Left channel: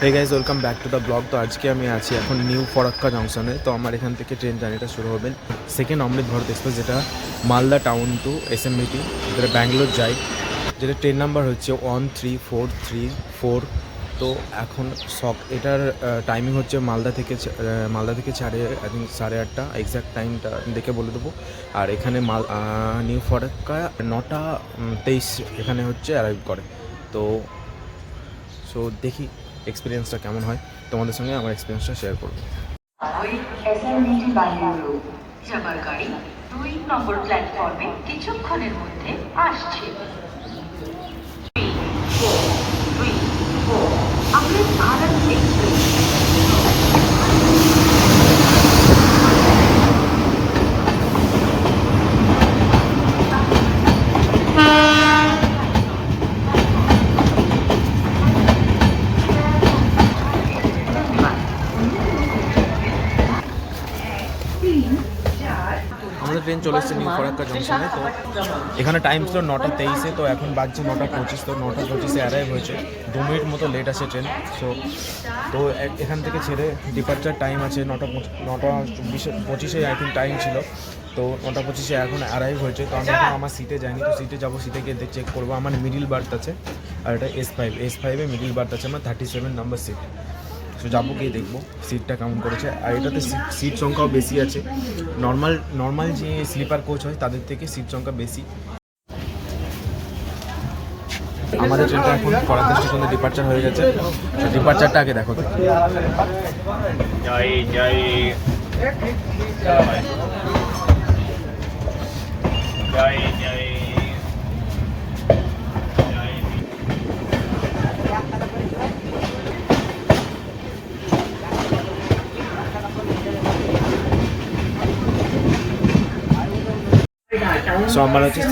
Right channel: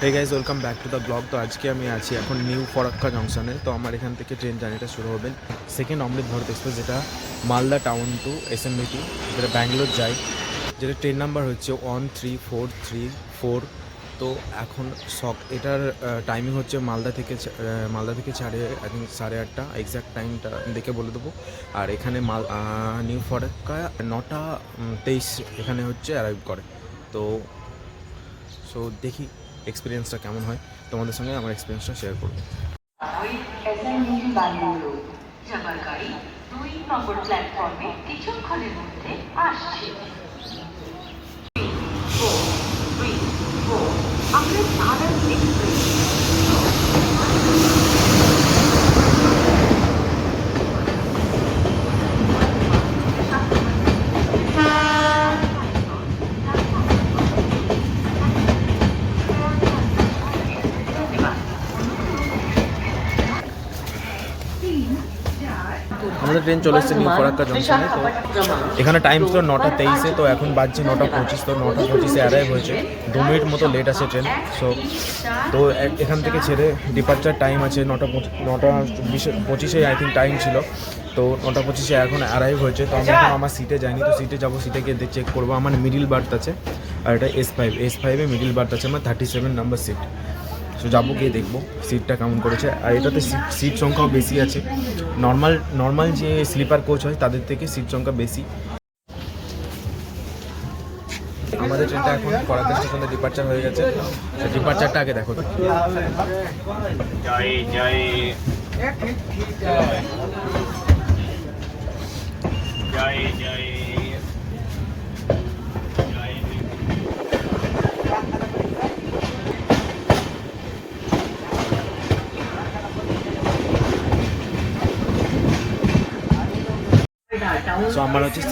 Hey guys welcome back to the vlog তো আজকে আমি আছি এখন নিউ ফরাক্কা জংশনে। তো আমার এখান থেকে ট্রেন জার্নিটা শুরু হবে। সেকেন্ড অমৃত ভারত এক্সপ্রেস যেটা Malda town to S M যেটা ব্যাঙ্গালোর যায়। যেটা ট্রেন নাম্বার হচ্ছে one three four three four তো এখন সক, এটার টাইমিং হচ্ছে মালদা থেকে মালদা থেকে ছাড়ে আই থিঙ্ক সাড়ে আটটা। এক্স্যাক্ট টাইমটা দেখে বলে দেবো। আর এখানে মাল নিউ ফরাক্কা নটা তেইশ এখানে হচ্ছে অ্যারাইভ করে। তো সো দেখি। এক্সপিরিয়েন্সটা কেমন হয় তোমাদের সঙ্গে আমার এক্সপিরিয়েন্সটা শেয়ার করব। কিছুক্ষণের মধ্যে আসছে। ট্রেন চলে এসেছে নিউ ফরাক্কা জংশনে তো এখানে টাইম ছিল নটা তেইশে তো এখন বাজছে নটা পঁচিশ তো নটা পঁচিশে অ্যারাইভ হয়েছে। দু মিনিট মতো লেট আছে ট্রেন সো তো এখান থেকে ছেড়ে ডিপার্চার টাইম আছে নটা নটা চব্বিশে পঁচিশে আই থিঙ্ক টাইম ছিল তো নটা পঁচিশে এখন অ্যারাইভ হয়েছে তো আমি এখন আমার সিটে যাইনি তো সিটে যাব সিটে গিয়ে চেক করব। আমার মিডিল বার্থ আছে আর এটা এস ফাইভ এস ফাইভে মিডিল বার্থ আছে আমার thirty seven number seat so যাব গিয়ে দেখব সিটটা কেমন করেছে। আর এটাতে সিট সংখ্যাও বেশি আছে। নর্মাল নর্মাল যে স্লিপার কোচ হয়, তাদের থেকে সিট সংখ্যা বেশি। আমাদের ট্রেনটা এখন করাতে স্টেশনে ডিপার্চার হয়ে গেছে। ডিপার্চারটা আগে দেখো জয় জয় জয় জয় সো আমার হচ্ছে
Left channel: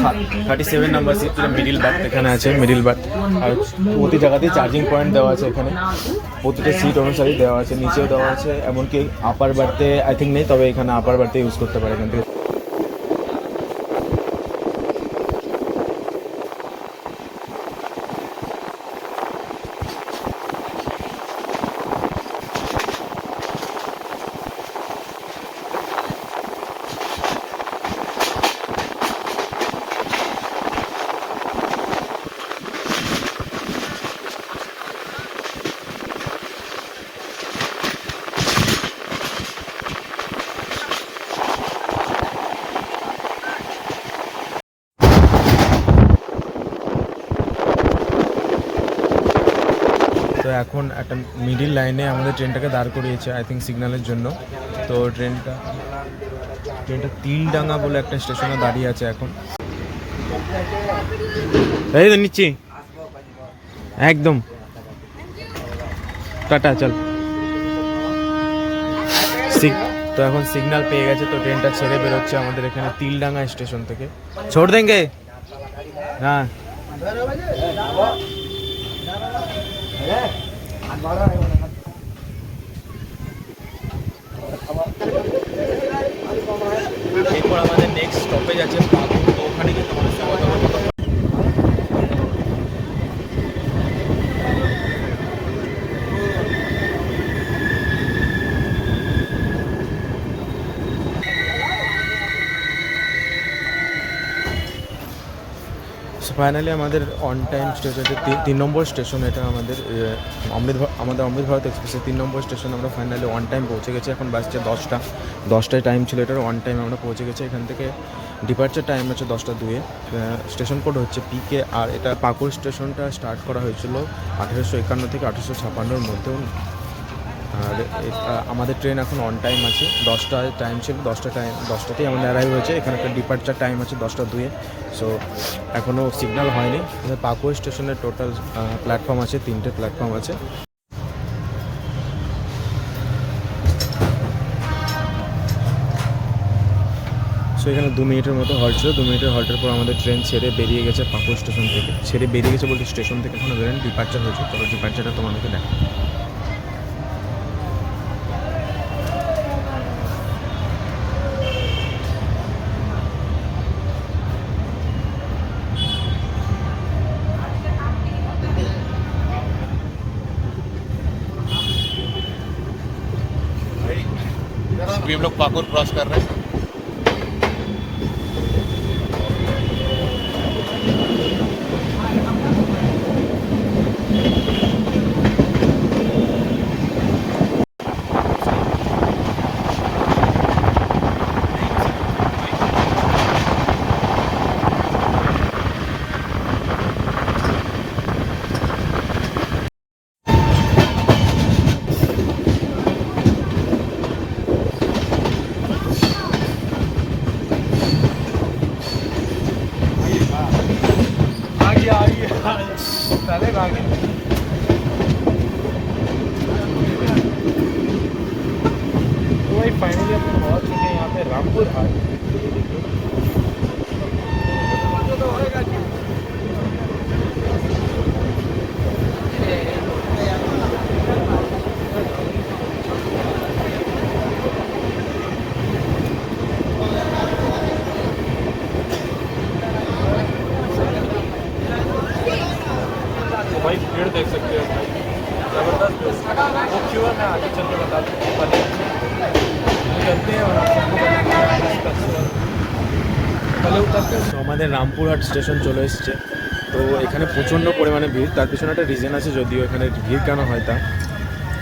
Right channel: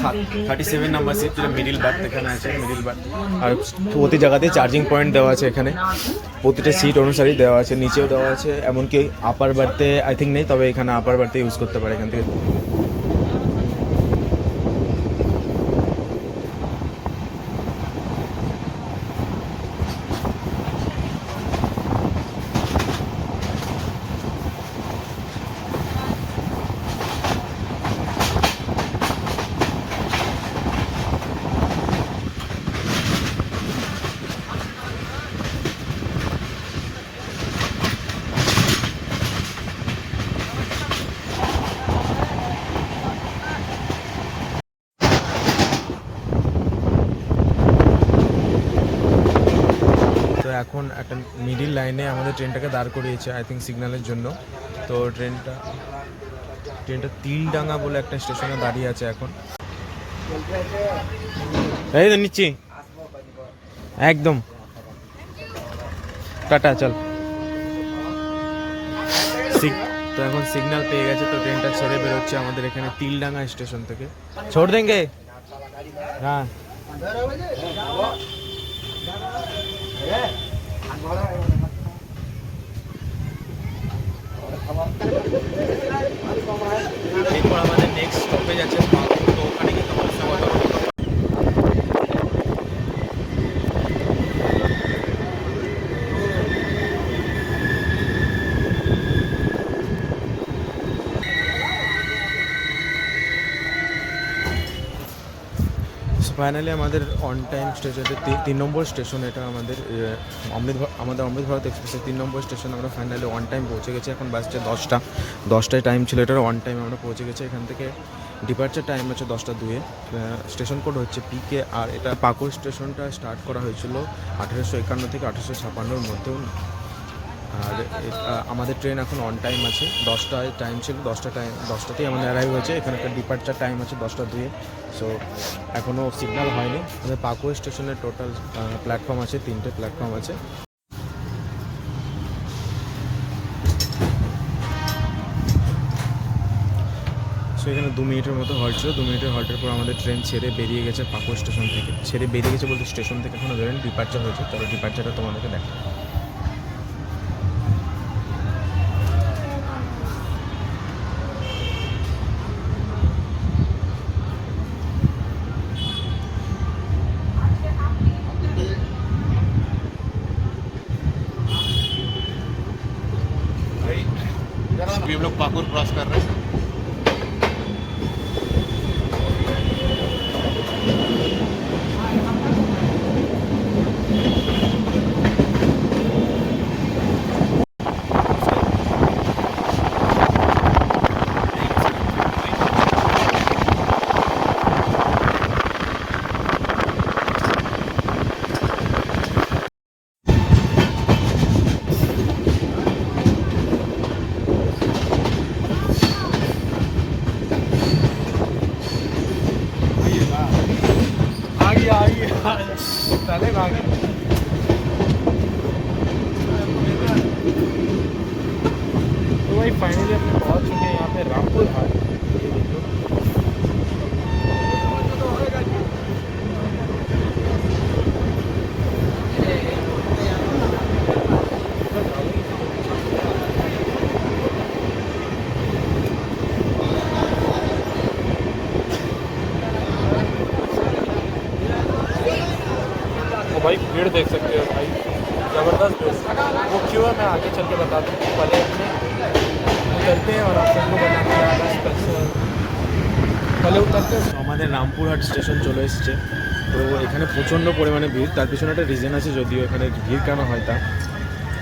thirty seven number seat middle berth এখানে আছে মিডিল বার্থ আর প্রতি জায়গাতে চার্জিং পয়েন্ট দেওয়া আছে এখানে। প্রতিটা সিট অনুসারেই দেওয়া আছে, নিচেও দেওয়া আছে, এমনকি আপার বার্থে আই থিঙ্ক নেই, তবে এখানে আপার বার্থে ইউজ করতে পারে এখান থেকে। এখন একটা মিডিল লাইনে আমাদের ট্রেনটাকে দাঁড় করিয়েছে আই থিঙ্ক সিগন্যালের জন্য। তো ট্রেনটা ট্রেনটা তিলডাঙ্গা বলে একটা স্টেশনে দাঁড়িয়ে আছে এখন। এই তো নিচ্ছি। একদম। টাটা, চল। তো এখন সিগন্যাল পেয়ে গেছে, তো ট্রেনটা ছেড়ে বেরোচ্ছে আমাদের এখানে তিলডাঙ্গা স্টেশন থেকে। ছোট দেঙ্গে হ্যাঁ। এরপর আমাদের নেক্সট স্টপেজ আছে পাকুড় তো ওখানে গিয়ে তোমাদের সঙ্গে কথা বলব সো ফাইনালি আমাদের অন টাইম স্টেশন তিন নম্বর স্টেশন এটা আমাদের অমৃত আমাদের অমৃত ভারত এক্সপ্রেসের তিন নম্বর স্টেশন আমরা ফাইনালি অন টাইম পৌঁছে গেছি। এখন বাজছে দশটা। দশটায় টাইম ছিল এটার অন টাইম আমরা পৌঁছে গেছি। এখান থেকে ডিপার্চার টাইম আছে দশটা দুয়ে। স্টেশন কোড হচ্ছে পিকে আর এটা পাকুড় স্টেশনটা স্টার্ট করা হয়েছিল আঠেরোশো একান্ন থেকে আঠেরোশো ছাপান্নর মধ্যেও আর আমাদের ট্রেন এখন অন টাইম আছে। দশটায় টাইম ছিল, দশটা টাইম দশটাতেই আমাদের অ্যারাইভ হয়েছে। এখানে একটা ডিপার্চার টাইম আছে দশটা দুয়ে। সো এখনও সিগন্যাল হয়নি। পাকুয়া স্টেশনের টোটাল প্ল্যাটফর্ম আছে, তিনটে প্ল্যাটফর্ম আছে। সো এখানে দু মিনিটের মতো হল্ট ছিল। দু মিনিটের হল্টের পর আমাদের ট্রেন ছেড়ে বেরিয়ে গেছে পাকুয়া স্টেশন থেকে। ছেড়ে বেরিয়ে গেছে বলতে স্টেশন থেকে এখনও বেরোন ডিপার্চার হয়েছে। চলো ডিপার্চারটা তোমাদেরকে দেখো अभी हम लोग पाकुर क्रॉस कर रहे हैं। 在那 cái. আমাদের রামপুরহাট স্টেশন চলে এসেছে। তো এখানে প্রচণ্ড পরিমাণে ভিড়। তার পিছনে একটা রিজন আছে, যদিও এখানে ভিড় কেন হয় তা।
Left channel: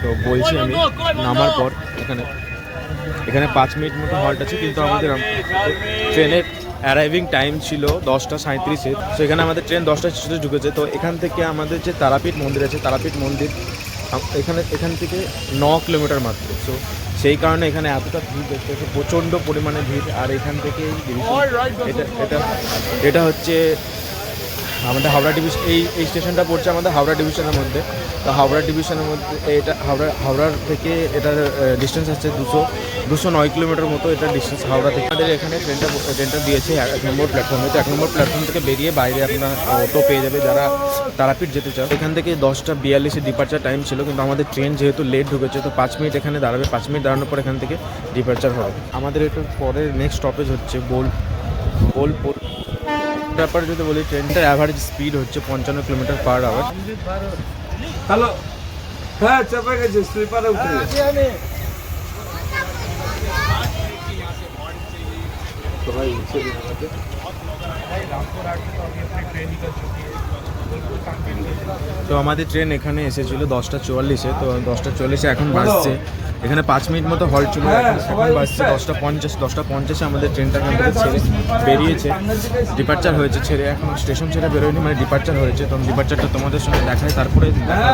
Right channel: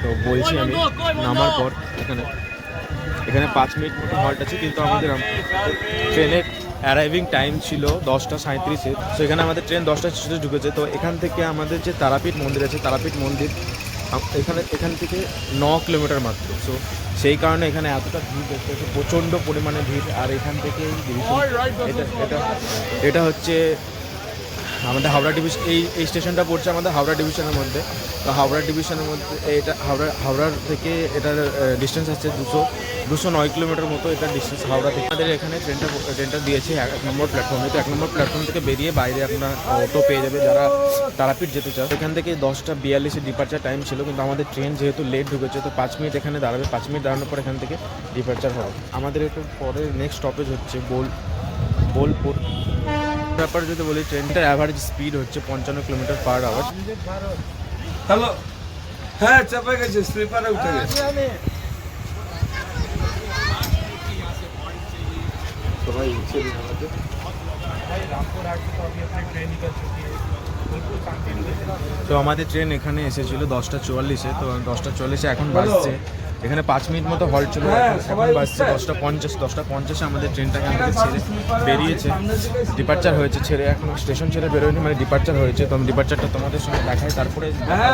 তো বলছি আমি, নামার পর এখানে। এখানে পাঁচ মিনিট মতো হল্ট আছে, কিন্তু আমাদের ট্রেনের অ্যারাইভিং টাইম ছিল দশটা সাঁত্রিশে তো এখানে আমাদের ট্রেন দশটা স্টেশনে ঢুকেছে। তো এখান থেকে আমাদের যে তারাপীঠ মন্দির আছে, তারাপীঠ মন্দির এখানে এখান থেকে ন কিলোমিটার মাত্র। তো সেই কারণে এখানে এতটা ভিড় দেখতে হচ্ছে প্রচণ্ড পরিমাণে ভিড়। আর এখান থেকে ডিভিশন এটা এটা এটা হচ্ছে আমাদের হাওড়া ডিভিশন এই এই স্টেশনটা পড়ছে আমাদের হাওড়া ডিভিশনের মধ্যে। তো হাওড়া ডিভিশনের মধ্যে এটা হাওড়া, হাওড়ার থেকে এটার ডিস্টেন্স আছে দুশো দুশো নয় কিলোমিটার মতো এটা ডিস্টেন্স হাওড়া থেকে। আমাদের এখানে ট্রেনটা ট্রেনটা দিয়েছে এক নম্বর প্ল্যাটফর্মে তো এক নম্বর প্ল্যাটফর্ম থেকে বেরিয়ে বাইরে আপনার অটো পেয়ে যাবে যারা তারাপীঠ যেতে চাও। এখান থেকে দশটা বিয়াল্লিশে ডিপার্চার টাইম ছিল, কিন্তু আমাদের ট্রেন যেহেতু লেট ঢুকেছে, তো পাঁচ মিনিট এখানে দাঁড়াবে। পাঁচ মিনিট দাঁড়ানোর পর এখান থেকে ডিপার্চার হবে। আমাদের একটু পরের নেক্সট স্টপেজ হচ্ছে বোল বোলপুর। ব্যাপারে যদি বলি ট্রেনটার অ্যাভারেজ স্পিড হচ্ছে পঞ্চান্ন কিলোমিটার পার আওয়ার হ্যালো হ্যাঁ চাপে গেছে স্লিপারে উঠে গেছে। তো আমাদের ট্রেন এখানে এসেছিল দশটা চুয়াল্লিশে তো দশটা চল্লিশে এখন বাসছে এখানে পাঁচ মিনিট মতো হল্ট ছিল এখন বাজছে বাসছে দশটা পঞ্চাশ দশটা পঞ্চাশে আমাদের ট্রেনটা এখান থেকে ছেড়ে বেরিয়েছে। ডিপার্চার হয়েছে ছেড়ে। এখন স্টেশন ছেড়ে বেরোয়নি মানে ডিপার্চার হয়েছে। তো ডিপার্চারটা তোমাদের সঙ্গে দেখায় তারপরে দেখা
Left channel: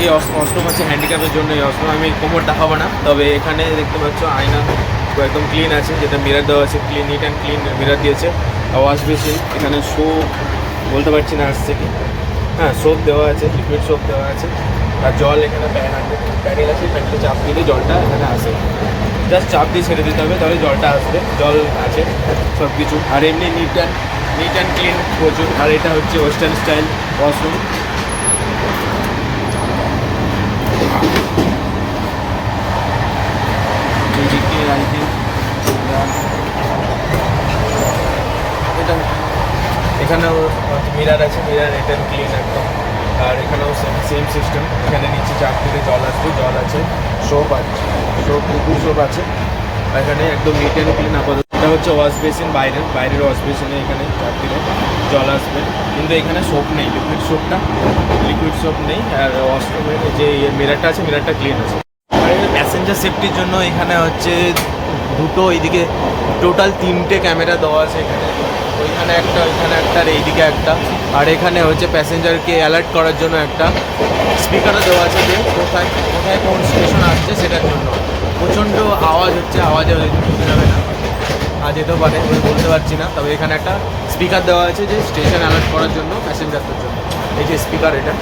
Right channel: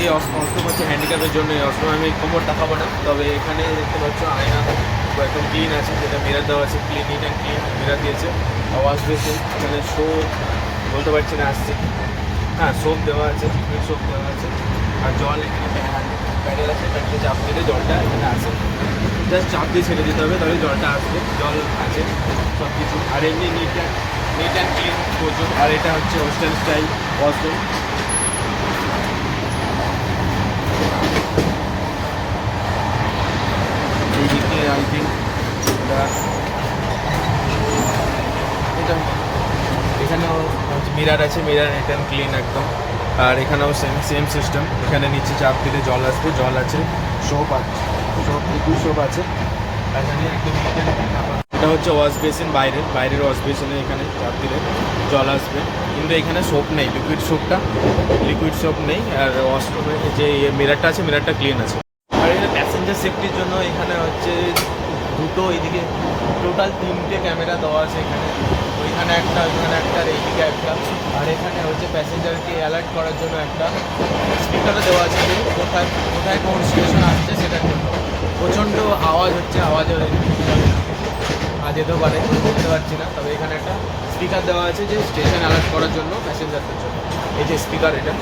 এই অষ্টম আছে হ্যান্ডিক্যাপের জন্য এই অষ্টম আমি কোমর দেখাবো না। তবে এখানে দেখতে পাচ্ছ আয়না একদম ক্লিন আছে, যেটা মিরার দেওয়া আছে clean neat and clean mirror দিয়েছে। ওয়াশ বেসিন এখানে শো বলতে পারছি না আসছে হ্যাঁ সোপ দেওয়া আছে লিকুইড সোপ দেওয়া আছে। আর জল এখানে প্যাডেল আছে প্যাডেলে চাপ দিলে জলটা এখানে আসে। জাস্ট চাপ দিয়ে ছেড়ে দিতে হবে, তাহলে জলটা আসবে, জল আছে সব কিছু আর এমনি neat and neat and clean প্রচুর। আর এটা হচ্ছে ওয়েস্টার্ন স্টাইল ওয়াশরুম এইদিকে এটা এখানেও মিরার আছে, মিরার একদম ক্লিন একদম। আর এখানেও সেম সেম সিস্টেম এখানে নিচে চাপ থেকে জল আসবে, জল আছে সোপ আছে সোপ লিকুইড সোপ আছে। এখানে একদম নিট ক্লিন আপাতত এটা হচ্ছে ওয়াশ বেসিন বাইরের বাইরের ওয়াশ বেসিনে এখানে দিলে জল আসবে। কিন্তু এখানে সোপ নেই লিকুইড সোপটা লিকুইড সোপ নেই, আর ওয়াশরুমের যে মিরারটা আছে মিরারটা ক্লিন আছে। আর এখানে প্যাসেঞ্জার সেফটির জন্য এখানে হচ্ছে দুটো এইদিকে টোটাল তিনটে ক্যামেরা দেওয়া আছে এখানে। ওইখানে একটা ওইখানে একটা, আর এইদিকে একটা। আর এখানে হচ্ছে প্যাসেঞ্জারকে অ্যালার্ট করার জন্য একটা স্পিকারও দেওয়া আছে যে কোথায় কোথায় কোন স্টেশন আসছে সেটার জন্য। প্রচণ্ড আওয়াজ হচ্ছে, আওয়াজে যাবে না। আর যেতেও পারে আমি বলতে পারছি না। তবে এখানে একটা স্পিকার দেওয়া আছে যে স্টেশন অ্যালার্ট করার জন্য প্যাসেঞ্জারদের জন্য। এই যে স্পিকার এটা,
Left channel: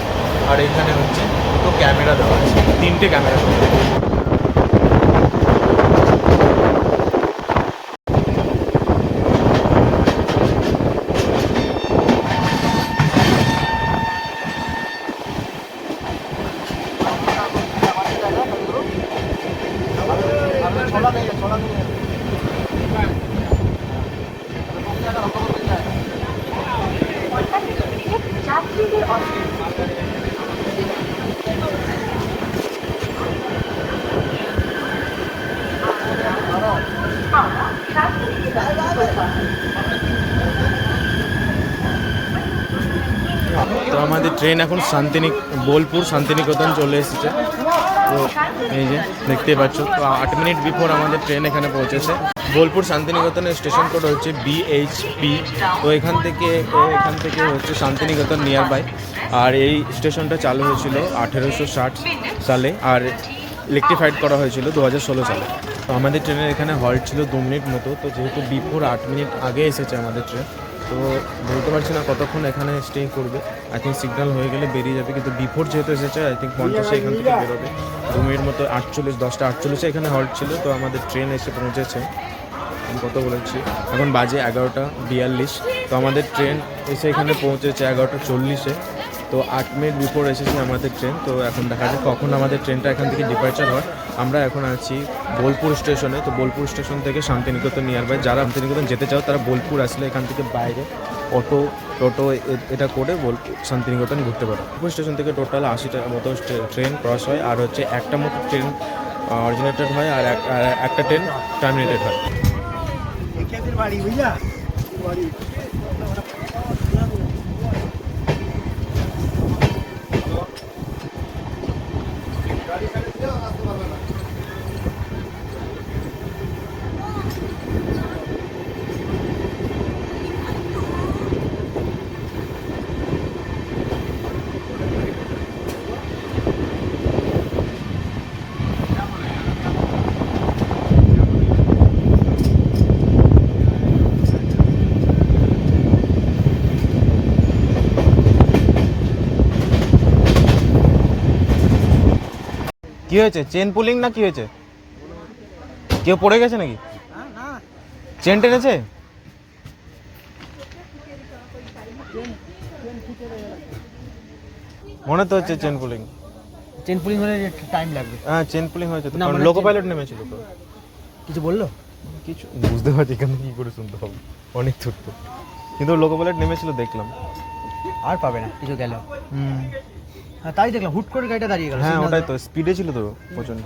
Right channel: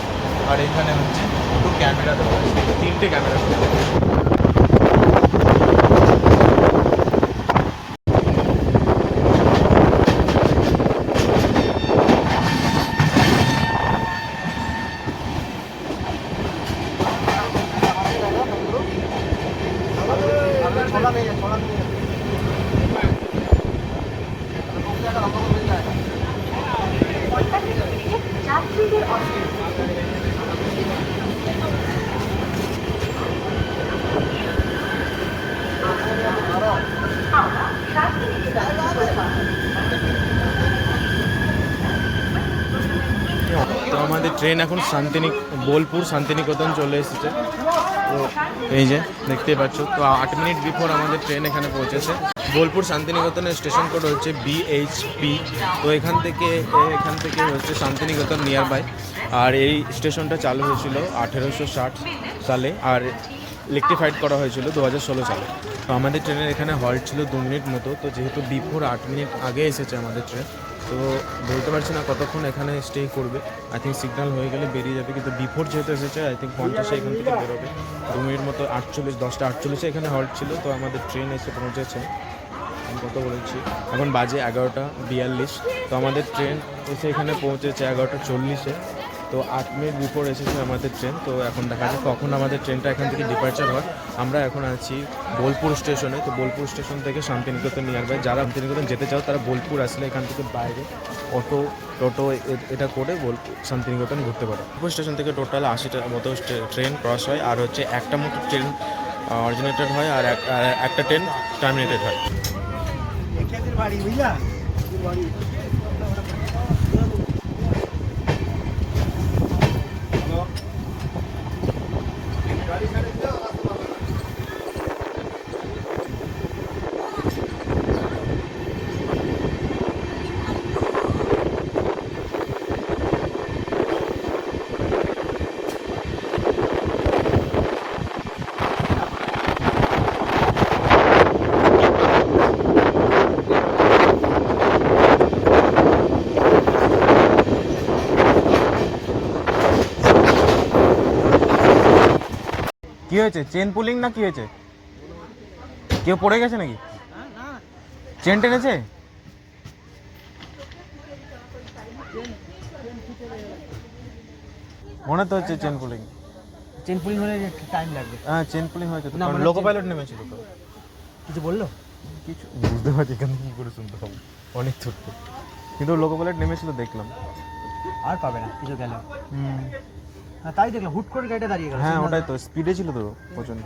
আর এখানে হচ্ছে দুটো ক্যামেরা দেওয়া আছে, তিনটে ক্যামেরা দেওয়া আছে। তো আমাদের ট্রেন এখন শান্তিনিক, বোলপুর শান্তিনিকেতন চলে এসেছে। তো এই যে, দেখতেই পাচ্ছ, আট মিনিট বিফোর আমাদের ট্রেন এখানে পৌঁছেছে। বোলপুর শান্তিনিকেতনের স্টেশন কোড হচ্ছে বিএইচপি তো এখান থেকে এখান থেকে হচ্ছে শান্তিনিকেতন নিয়ার বাই আর এই স্টেশনটা চালু হয়েছিল আঠেরোশো ষাট সালে আর ইলেকট্রিফাইড করা হয়েছিল দু হাজার ষোলো সালে। তো আমাদের ট্রেনের এখানে হল্ট ছিল দু মিনিট মতো। তো যেহেতু বিফোর আট মিনিট আগে এসেছে আমাদের ট্রেন তো বলতে পারছি না কতক্ষণ এখানে স্টে করবে। আই থিঙ্ক সিগনাল হয়ে গেলে বেরিয়ে যাবে, কিন্তু বিফোর যেহেতু এসেছে আই থিঙ্ক পঞ্চাশে এখান থেকে বেরোবে। দু মিনিট মতো আটচল্লিশ, দশটা আটচল্লিশে এখানে হল্ট ছিল, তো আমাদের ট্রেন এসে পৌঁছেছে। আমি কত বলেছি। এখন বাজে এগারোটা বিয়াল্লিশ, তো আমাদের ট্রেন এসে এখানে পৌঁছেছে এগারোটা চল্লিশে। তো আট মিনিট বিফোর এসেছে আমাদের ট্রেন তো এখন দেখা যাক কখন আমাদের ট্রেনটা এখান থেকে ডিপার্চার হয়। আমরা এখন আছি বোলপুর স্টেশনে, তো বোলপুর স্টেশন থেকে শান্তিনিকেতন নিয়ার বাই যারা শান্তিনিকেতন যেতে চাও, তারা বোলপুর আসলে এখান থেকে বাইরে অটো, টোটো এটা করে বোলপুর, শান্তিনিকেতন ঘুরতে পারো। বোলপুর স্টেশন থেকে টোটাল আশিটার মতো ট্রেন ক্রস হয়, আর হচ্ছে একটা মতো ট্রেন অরিজিনেটেড হয়, আর একটা ট্রেন টার্মিনেটেড হয়। কি হয়েছে? চেন পুলিং না কি হয়েছে? কেউ পড়ে গেছে নাকি? চেন টেনেছে? মনে তো হচ্ছে চেন পুলিং চেন পুলিং হলে টাইম লাগবে। হ্যাঁ চেন পুলিং হয়েছে তো মানে লোকো chain- পাইলট নেমেছিল তো। কিছু বলল? কিছু বুঝতে পারছি এখান থেকে কি করে শুনতে হবে। অনেক ছোট্ট। কিন্তু লোকো পাইলট নেমেছিল দেখলাম। আর পাবে না কিছু গেল। হুম। তাই দেখলাম হুট করে গাড়িটা দাঁড়িয়ে গেল হ্যাঁ ওটাই তো স্পিডে ছিল তো প্রচণ্ড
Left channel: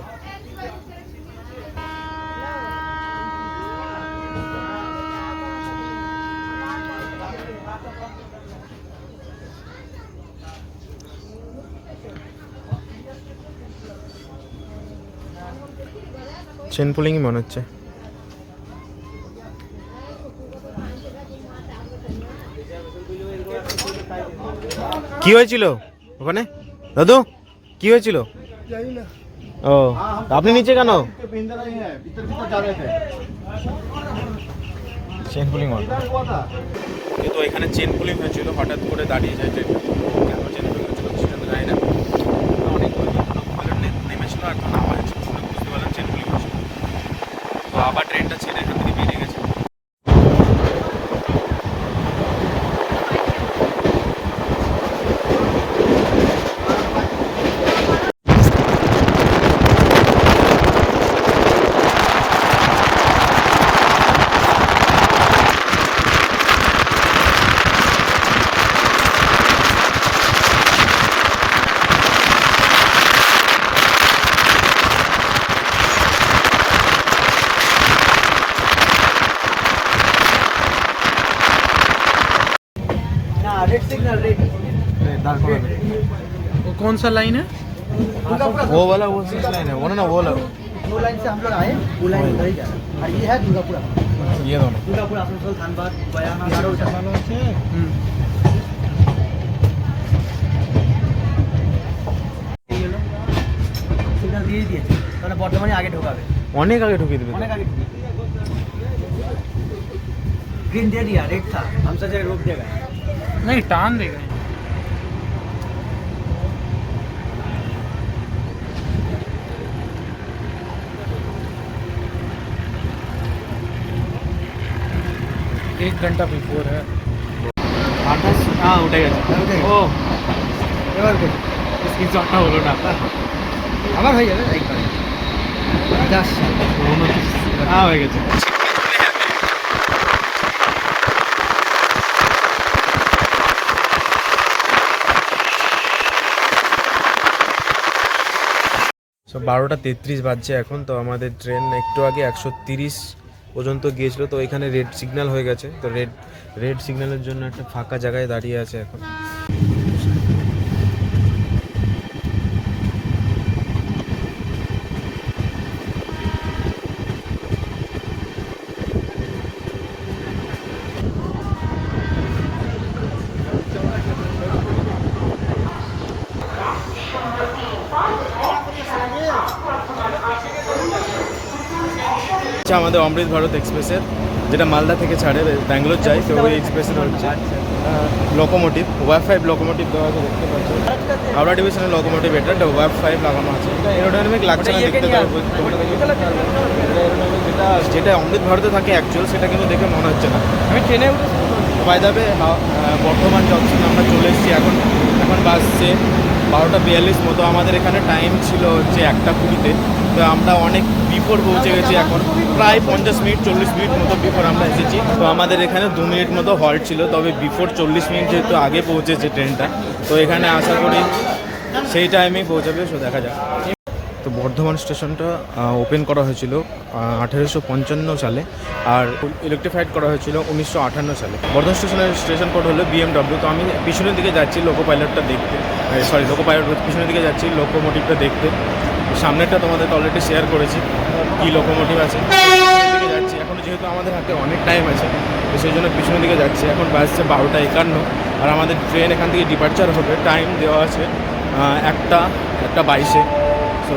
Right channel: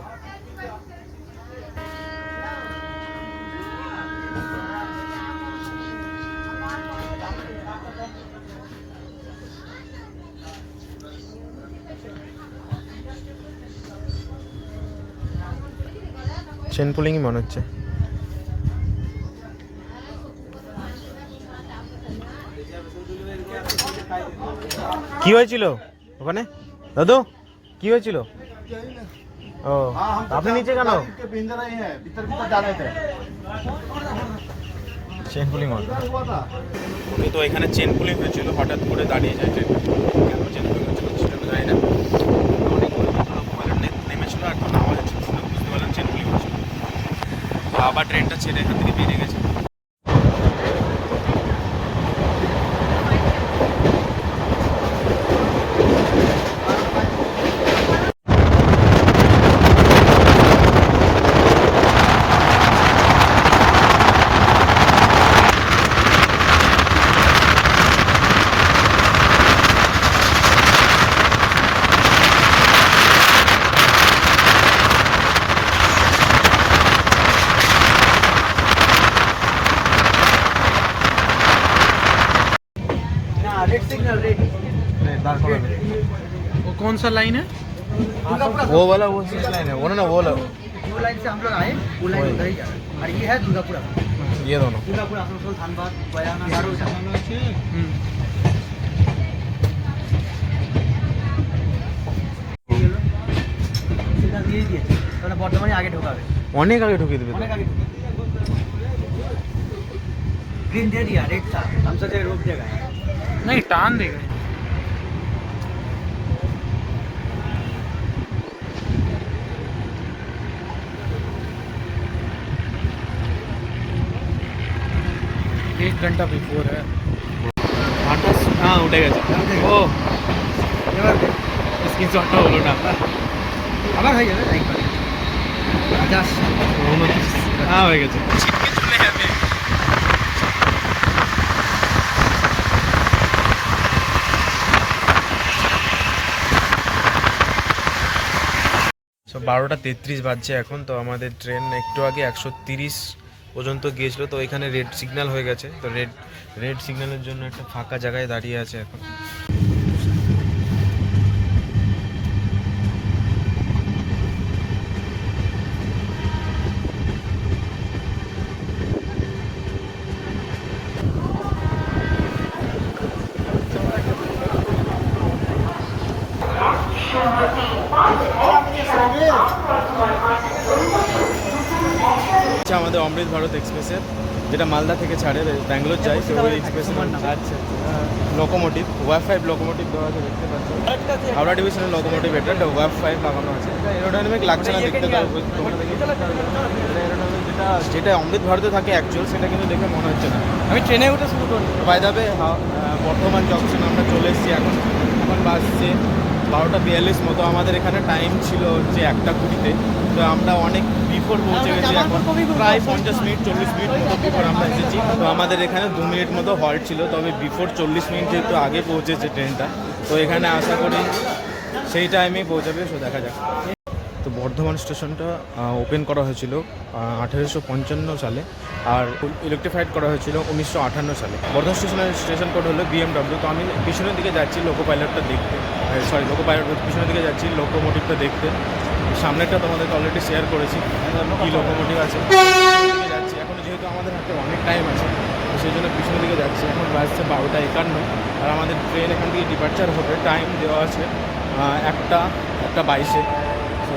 চেন পুলিংই মনে হচ্ছে। কি হয়েছিল ওখানে? দাদু কি হয়েছিল? ও আপনি নিচে কেন? চেন পুলিং তো এখানে চেন পুলিং হয়েছিল হঠাৎ করে দাঁড়িয়ে যায় ট্রেনটা কেন চেন পুলিং হয়েছিল সেটা তো জানি না। নেমেছিল হচ্ছিল শুনে বুঝতে পারলাম চেন পুলিং হয়েছিল। আবার ট্রেনটা ছেড়ে এখান থেকে বেরিয়ে कौन सा लाइन है वो वाला वो लाइन है वो ना वो वाला वो लाइन से हम लोग आए वो लाइन उधर ही जा रहा है और ये है दुर्गापुरा ये दोनों दुर्गापुर आसनसोल धानबाद बयाना नारोल এই হলো সিগন্যাল দিয়ে দিয়েছে তাহলে বর্তমানে আগে ঢোকাবে অনেক আগে ঢুকিয়ে দেবে অনেক আগে ঢুকে ग्रीन दे दिया रेड था हम सोचे रोक देगा नहीं टान देगा एक घंटा बिफोर है আঠাশ হ্যাঁ উঠে গেছে ও এবার দে। স্ক্রিনশটটা হলো না আমার হয়ে যাবে তাই করে। আকাশ। হ্যাঁ হয়ে গেছে সো বারোটা তেত্রিশ বাজছে এখন তো আমাদের ট্রেন একটু আগে একশো তিরিশ পর্যন্ত গিয়েছিল, তো এখানে রেড সিগন্যাল হয়ে গেছে। তো রেড রেড সিগন্যালের জন্য একটা ফাঁকা জায়গায় দাঁড়িয়ে আছে এখন। আমাদের অমৃত ভারত এক্সপ্রেসের যেটা মালদা থেকে ছাড়ে ব্যাঙ্গালোর যায় তো ওই এক্সপ্রেসের হচ্ছে লোকোমোটিভ ওয়াই ফাইভ লোকোমোটিভ দেওয়া আছে দেখতে পাচ্ছ। হাওড়া ডিভিশনের লোকোমোটিভ এটা একটা ওয়াই ফাইভ লাগানো আছে। এটা এরোডাইনামিক লাগছে না দেখতে তোমরা দেখে aerodynamic যেটা যেটা অমৃত ভারতে থাকে অ্যাকচুয়াল সেটা কিন্তু দেখে মনে হচ্ছে না। আমি ট্রেনে উঠেছি তো বাই দাবে বর্ধমান জংশন আমরা চলে এসেছি এখন এখন বাসছে বারোটা বিয়াল্লিশ মতো। আমাদের এখানে টাইম ছিল হচ্ছে একটা কুড়িতে। তো আমরা অনেক বিফোর পৌঁছে গেছি এখন। প্রায় পঞ্চাশ মিনিট, চল্লিশ মিনিট মতো বিফোর আমরা এসেছি। তো আমাদের এখানে দু মিনিট মতো হল্ট ছিল, তবে বিফোর চল্লিশ মিনিট যেহেতু আগে পৌঁছেছে ট্রেনটা তো এখানে আশা করি সেই টাইমেই পৌঁছাবে সো দেখা যাক। তো বর্ধমান স্টেশনটা ওপেন করা হয়েছিল আঠেরোশো পঞ্চান্ন সালে, আর ইলেকট্রিফাইড করা হয়েছিল উনিশশো আটান্ন সালে। বর্ধমান স্টেশনের স্টেশন কোড হলো বিএমডব্লিউ তো আমি পিছনের দিকে যাচ্ছি লোকো পাইলটটা দেখতে সরি লোকো পাইলট পিছনের দিকে যাচ্ছি লোকোমোটিভটা দেখতে। সামনেরটা তোমাদেরকে অলরেডি শেয়ার করেছি, কী লোকোমোটিভ আছে দিকে যাচ্ছি। এখনও যেহেতু আমাদের হাতে অনেক টাইম আছে, তো সেই জন্য পিছনের দিকে যাচ্ছি। এখন বাজছে বারোটা একান্ন। আর আমাদের ট্রেন এখান থেকে ডিপার্চার হবে টাইম দেওয়া আছে একটা একটা বাইশে। তো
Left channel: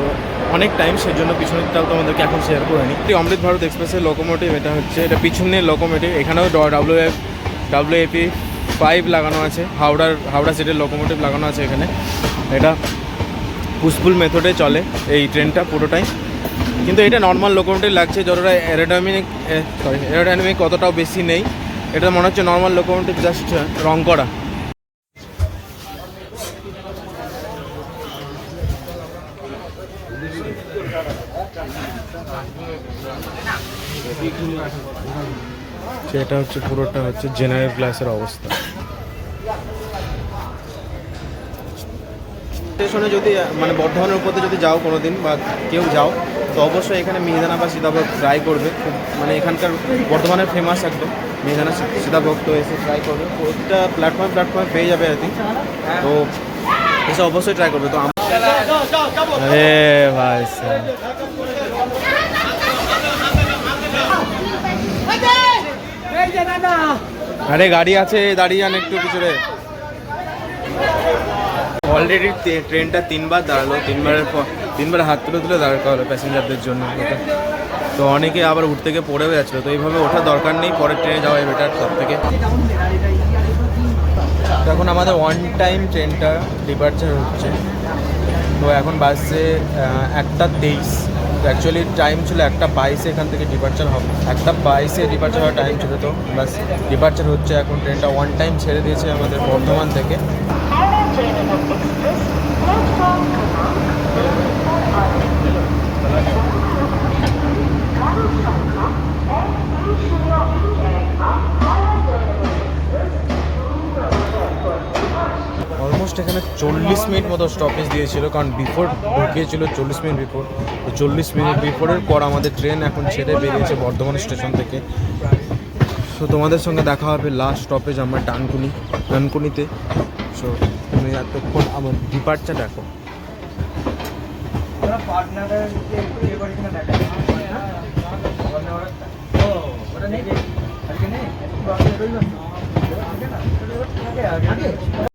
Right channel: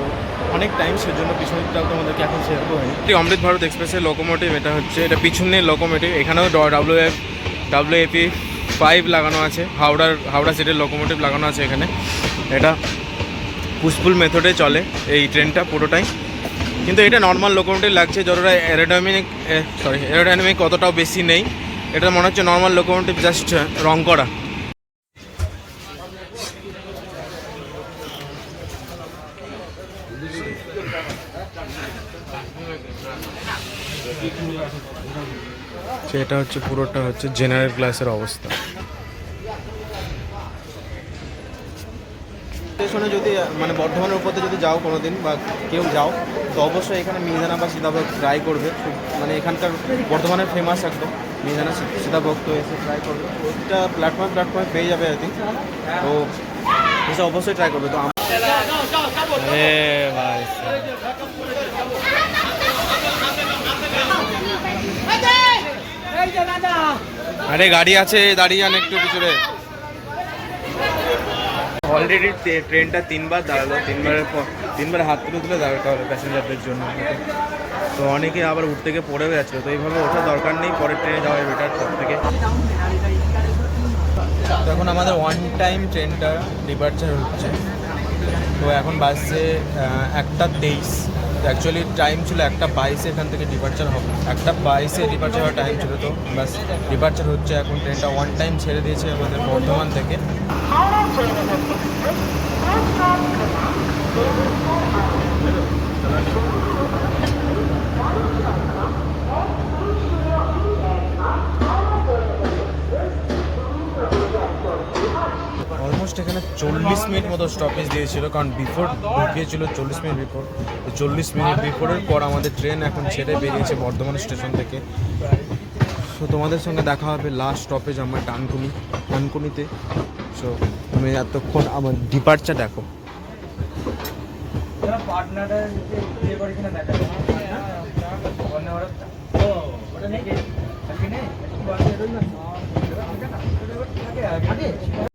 অনেক টাইম সেই সেজন্য পিছনেরটাও তোমাদেরকে এখন শেয়ার করে নিই। অমৃত ভারত এক্সপ্রেসের লোকোমোটিভ এটা হচ্ছে, এটা পিছনের লোকোমোটিভ এখানেও W F W AP five লাগানো আছে, হাওড়ার, হাওড়া সিটের লোকোমোটিভ লাগানো আছে এখানে। এটা পুষ্পুল মেথডে চলে এই ট্রেনটা পুরোটাই। কিন্তু এটা নর্মাল লোকোমোটিভ লাগছে, যতটা অ্যারোডাইনামিক সরি অ্যারোডাইনামিক অতটাও বেশি নেই। এটা মনে হচ্ছে নর্মাল লোকোমোটিভ জাস্ট রং করা। সেটা হচ্ছে পুরোটা হচ্ছে জেনারেল ক্লাসের অবস্থা। স্টেশনে যদি মানে বর্ধমানের উপর যদি যাও কোনো দিন বা কেউ যাও তো অবশ্যই এখানে মিহিদানা বা সীতাভোগ ট্রাই করবে। খুব মানে এখানকার বর্ধমানের ফেমাস একদম মিহিদানা সীতাভোগ তো এসে ট্রাই করবে। প্রতিটা প্ল্যাটফর্মে প্ল্যাটফর্মে পেয়ে যাবে আই থিঙ্ক তো এসে অবশ্যই ট্রাই করবে। তো ভাই। আরে গাড়ি আছে দাঁড়িয়ে যান একটু পিছনে। অলরেডি ট্রেনটা তিনবার দাঁড়াল, তিনবারের পর তিনবার হাত তুলে তুলে দাঁড়াতে হবে প্যাসেঞ্জারদের জন্য। তো অনেকে আবার উঠতে গিয়ে পড়েও যাচ্ছিল, তো এইভাবে ওঠার দরকার নেই, পরের ট্রেনে যাওয়াই বেটার সব থেকে তো এখন আমাদের ওয়ান টাইম ট্রেনটা ডিপার্চার হচ্ছে। তো এখন বাসে একটা তেইশ। তো অ্যাকচুয়ালি টাইম ছিল একটা বাইশে এখান থেকে ডিপার্চার হবে। একটা বাইশে ডিপার্চার হওয়ার টাইম ছিল, তো বাস ডিপার্চার হচ্ছে। এখন ট্রেনটা ওয়ান টাইম ছেড়ে দিয়েছে আমাদের বর্ধমান থেকে। অলমোস্ট এখানে চল্লিশ মিনিট মতো স্টপেজ দিয়েছিল, কারণ বিফোর ঢুকিয়েছিল চল্লিশ মিনিট বিফোর তো চল্লিশ মিনিট বিফোরের পর আমাদের ট্রেন এখন ছেড়ে বেরিয়েছে বর্ধমান স্টেশন থেকে। সো তোমাদের সঙ্গে দেখা হবে লাস্ট স্টপেজ আমার ডানকুনি ডানকুনিতে। সো তুমি এতক্ষণ আমার ডিপার্চার দেখো। मेरे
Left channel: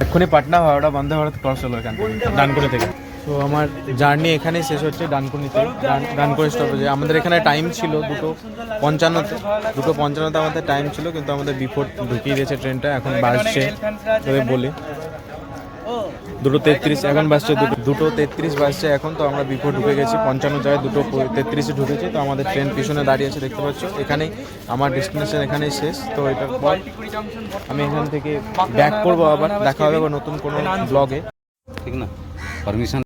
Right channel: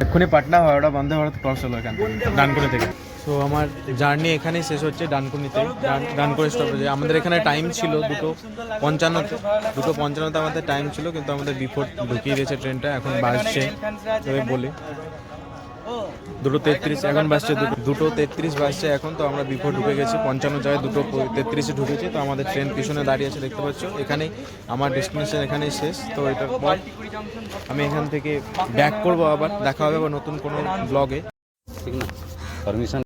এক্ষুনি পাটনা হাওড়া বন্ধ ভারত ক্রস হলো এখান থেকে, ডানকুনি থেকে। তো আমার জার্নি এখানেই শেষ হচ্ছে ডানকুনিতে। ডান- ডানকুনি স্টপেজে আমাদের এখানে টাইম ছিল দুটো পঞ্চান্নতে। দুটো পঞ্চান্নতে আমাদের টাইম ছিল, কিন্তু আমাদের বিফোর ঢুকিয়ে দিয়েছে ট্রেনটা এখন বাসছে তবে বলি। দুটো তেত্রিশ, এখন বাসছে দুটো দুটো তেত্রিশ বাসছে এখন, তো আমরা বিফোর ঢুকে গেছি, পঞ্চান্ন জায়গায় দুটো তেত্রিশে ঢুকেছি, তো আমাদের ট্রেন পিছনে দাঁড়িয়ে আছে, দেখতে পাচ্ছ। এখানেই আমার ডেস্টিনেশন এখানেই শেষ, তো এটার পর আমি এখান থেকে ব্যাক করব আবার, দেখা হবে নতুন কোনো ব্লগে। ঠিক না? পারমিশন